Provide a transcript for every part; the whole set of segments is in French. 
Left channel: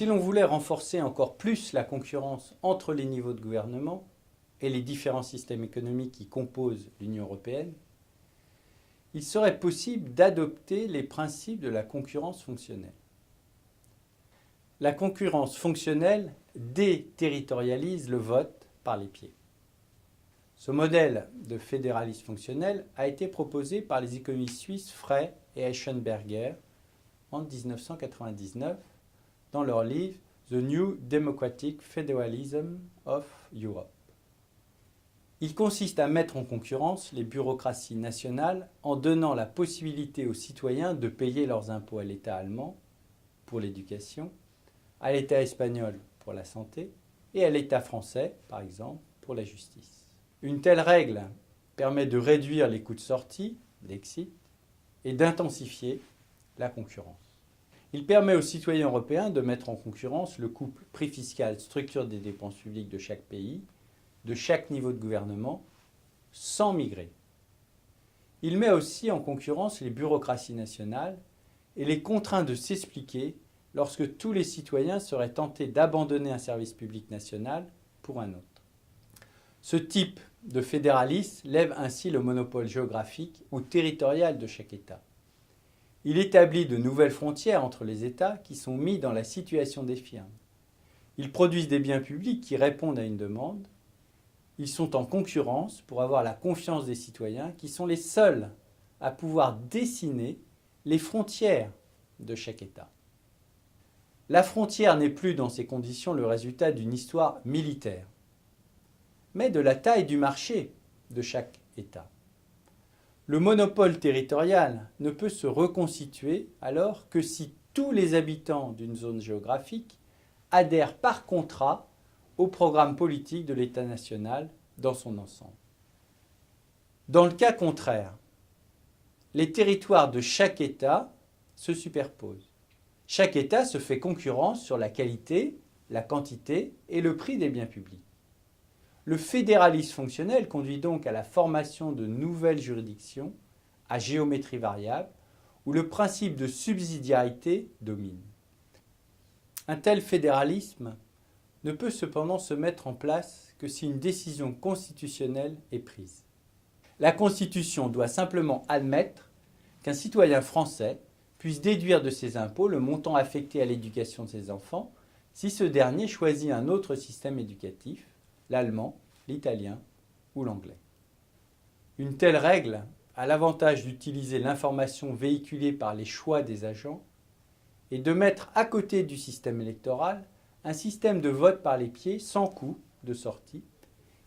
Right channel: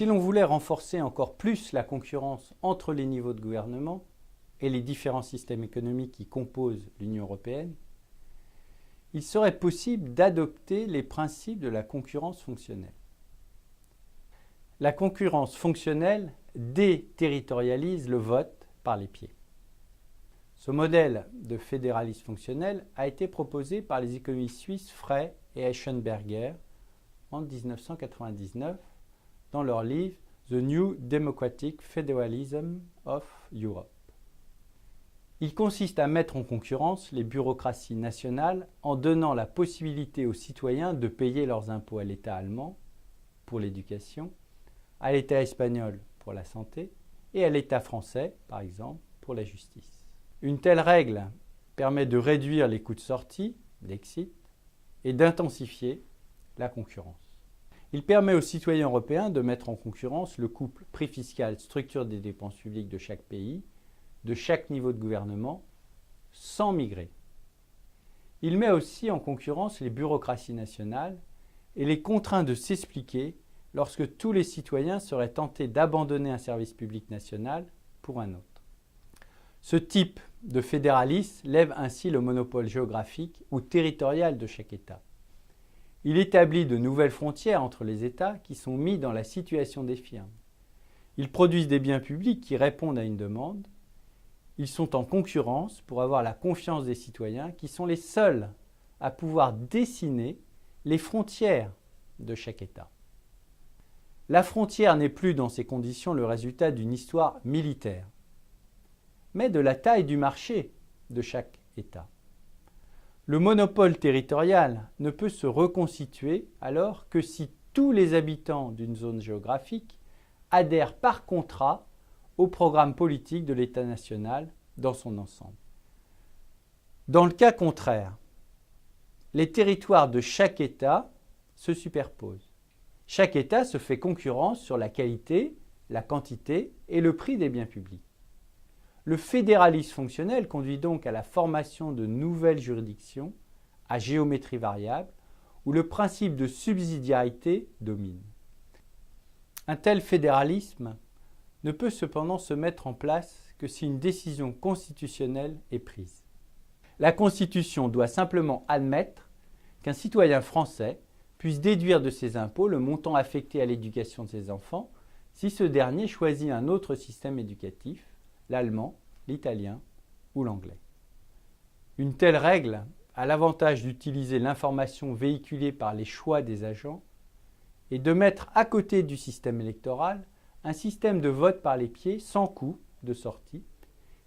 Si l'on voulait renforcer encore plus la concurrence entre les niveaux de gouvernement et les différents systèmes économiques qui composent l'Union européenne, il serait possible d'adopter les principes de la concurrence fonctionnelle. La concurrence fonctionnelle déterritorialise le vote par les pieds. Ce modèle de fédéralisme fonctionnel a été proposé par les économistes suisses Frey et Eschenberger en 1999 dans leur livre The New Democratic Federalism of Europe. Il consiste à mettre en concurrence les bureaucraties nationales en donnant la possibilité aux citoyens de payer leurs impôts à l'État allemand pour l'éducation, à l'État espagnol pour la santé et à l'État français, par exemple, pour la justice. Une telle règle permet de réduire les coûts de sortie, l'exit, et d'intensifier la concurrence. Il permet aux citoyens européens de mettre en concurrence le couple prix fiscal, structure des dépenses publiques de chaque pays, de chaque niveau de gouvernement, sans migrer. Il met aussi en concurrence les bureaucraties nationales et les contraint de s'expliquer lorsque tous les citoyens seraient tentés d'abandonner un service public national pour un autre. Ce type de fédéralisme lève ainsi le monopole géographique ou territorial de chaque État. Il établit de nouvelles frontières entre les États qui sont mis dans la situation des firmes. Ils produisent des biens publics qui répondent à une demande. Ils sont en concurrence pour avoir la confiance des citoyens qui sont les seuls à pouvoir dessiner les frontières de chaque État. La frontière n'est plus dans ces conditions le résultat d'une histoire militaire, mais de la taille du marché de chaque État. Le monopole territorial ne peut se reconstituer alors que si tous les habitants d'une zone géographique adhèrent par contrat au programme politique de l'État national dans son ensemble. Dans le cas contraire, les territoires de chaque État se superposent. Chaque État se fait concurrence sur la qualité, la quantité et le prix des biens publics. Le fédéralisme fonctionnel conduit donc à la formation de nouvelles juridictions à géométrie variable où le principe de subsidiarité domine. Un tel fédéralisme ne peut cependant se mettre en place que si une décision constitutionnelle est prise. La Constitution doit simplement admettre qu'un citoyen français puisse déduire de ses impôts le montant affecté à l'éducation de ses enfants si ce dernier choisit un autre système éducatif, l'allemand, l'italien ou l'anglais. Une telle règle a l'avantage d'utiliser l'information véhiculée par les choix des agents et de mettre à côté du système électoral un système de vote par les pieds sans coût de sortie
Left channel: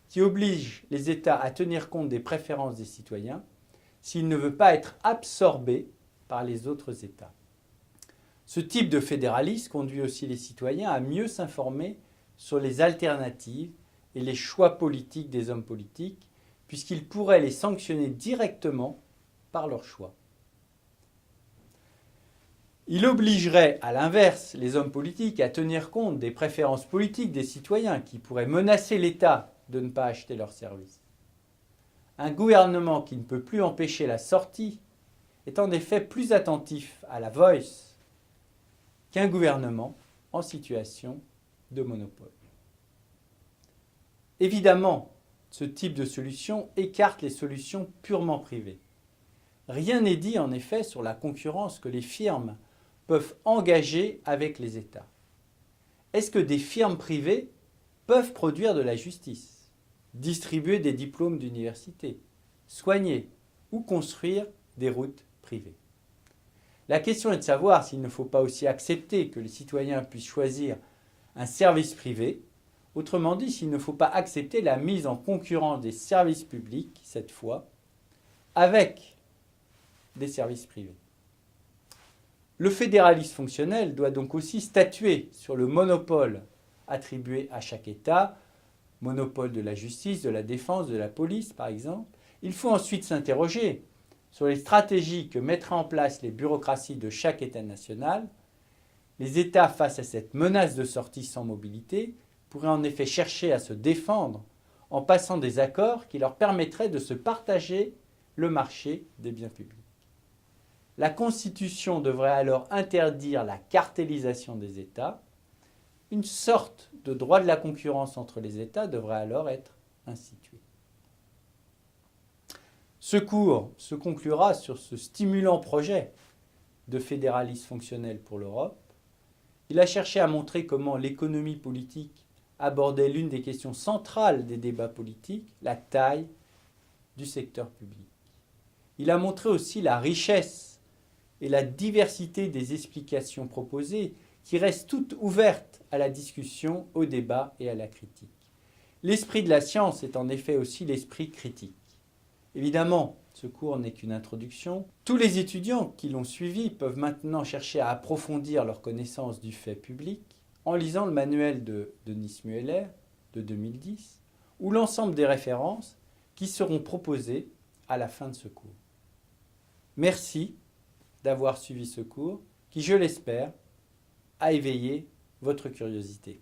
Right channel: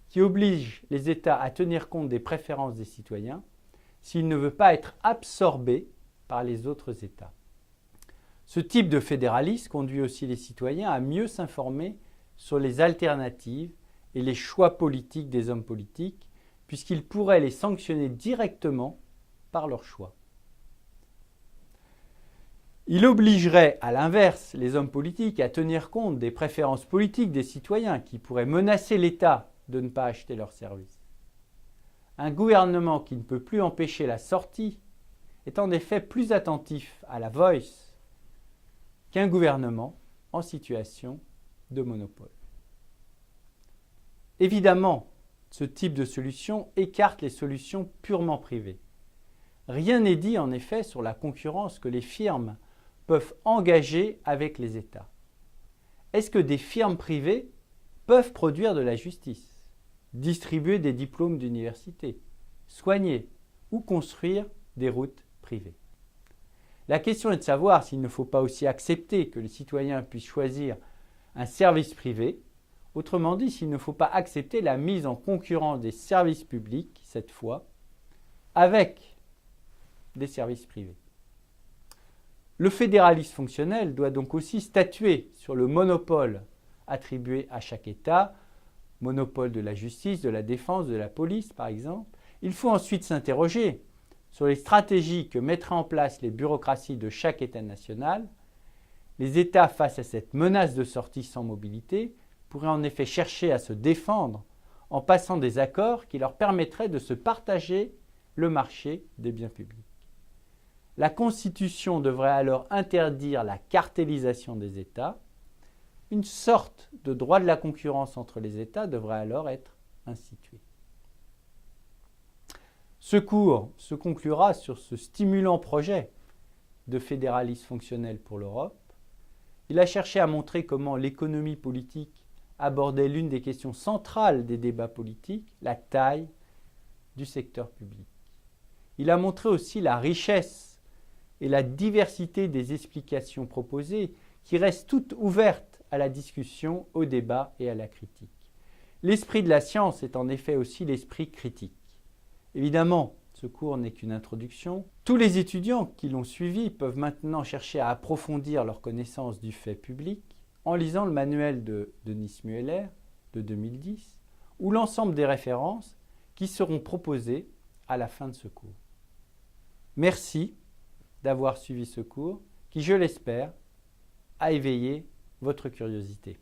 qui oblige les États à tenir compte des préférences des citoyens s'il ne veut pas être absorbé par les autres États. Ce type de fédéralisme conduit aussi les citoyens à mieux s'informer sur les alternatives et les choix politiques des hommes politiques, puisqu'ils pourraient les sanctionner directement par leurs choix. Il obligerait, à l'inverse, les hommes politiques à tenir compte des préférences politiques des citoyens qui pourraient menacer l'État de ne pas acheter leurs services. Un gouvernement qui ne peut plus empêcher la sortie est en effet plus attentif à la voice qu'un gouvernement en situation de monopole. Évidemment, ce type de solution écarte les solutions purement privées. Rien n'est dit en effet sur la concurrence que les firmes peuvent engager avec les États. Est-ce que des firmes privées peuvent produire de la justice, distribuer des diplômes d'université, soigner ou construire des routes privées? La question est de savoir s'il ne faut pas aussi accepter que les citoyens puissent choisir un service privé. Autrement dit, s'il ne faut pas accepter la mise en concurrence des services publics, cette fois, avec des services privés. Le fédéralisme fonctionnel doit donc aussi statuer sur le monopole attribué à chaque État, monopole de la justice, de la défense, de la police par exemple. Il faut ensuite s'interroger sur les stratégies que mettraient en place les bureaucraties de chaque État national. Les États face à cette menace de sortie sans mobilité pourraient en effet chercher à se défendre en passant des accords qui leur permettraient de se partager le marché des biens publics. La Constitution devrait alors interdire la cartélisation des États une sorte de droit de la concurrence entre les États devrait alors être institué. Ce cours se conclura sur ce stimulant projet de fédéralisme fonctionnel pour l'Europe. Il a cherché à montrer comment l'économie politique abordait l'une des questions centrales des débats politiques, la taille du secteur public. Il a montré aussi la richesse et la diversité des explications proposées qui restent toutes ouvertes à la discussion, au débat et à la critique. L'esprit de la science est en effet aussi l'esprit critique. Évidemment, ce cours n'est qu'une introduction. Tous les étudiants qui l'ont suivi peuvent maintenant chercher à approfondir leur connaissance du fait public en lisant le manuel de Denis Mueller de 2010 ou l'ensemble des références qui seront proposées à la fin de ce cours. Merci d'avoir suivi ce cours qui, je l'espère, a éveillé votre curiosité.